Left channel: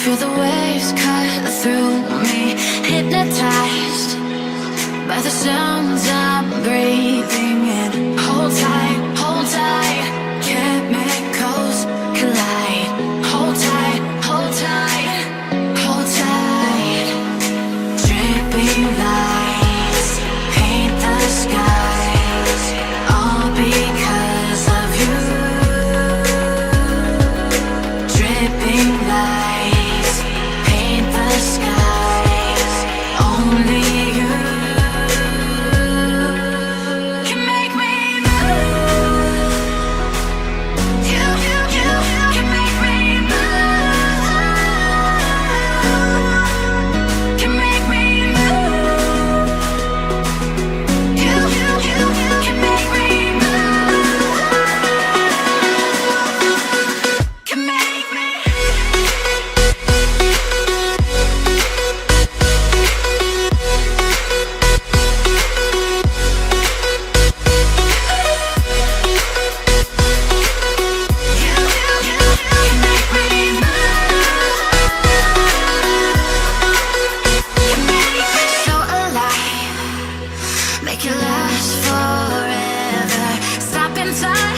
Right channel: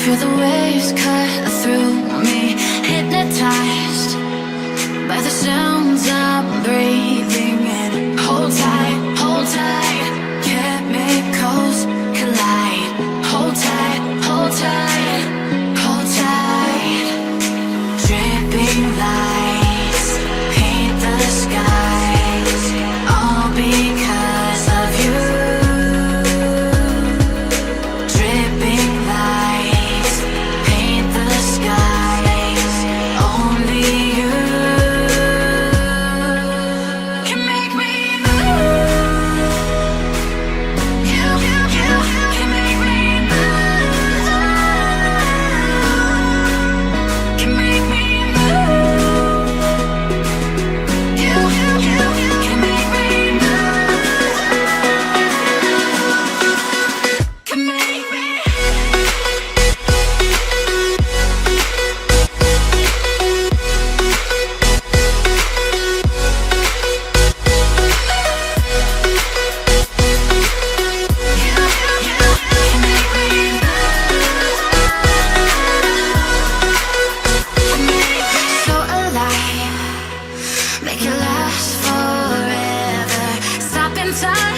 Feel the waves cut through me, hypnotized by the sounds I'm breathing in. Hold tight, chemicals collide. Hold tight, hold tight, hold tight. Dripping lights paint the skies, all because of you. Dripping lights paint the skies, only you can make me move. You can make me move. Can make me move. You can make me move. Can make me. So alive, make it last forever. Stop in time.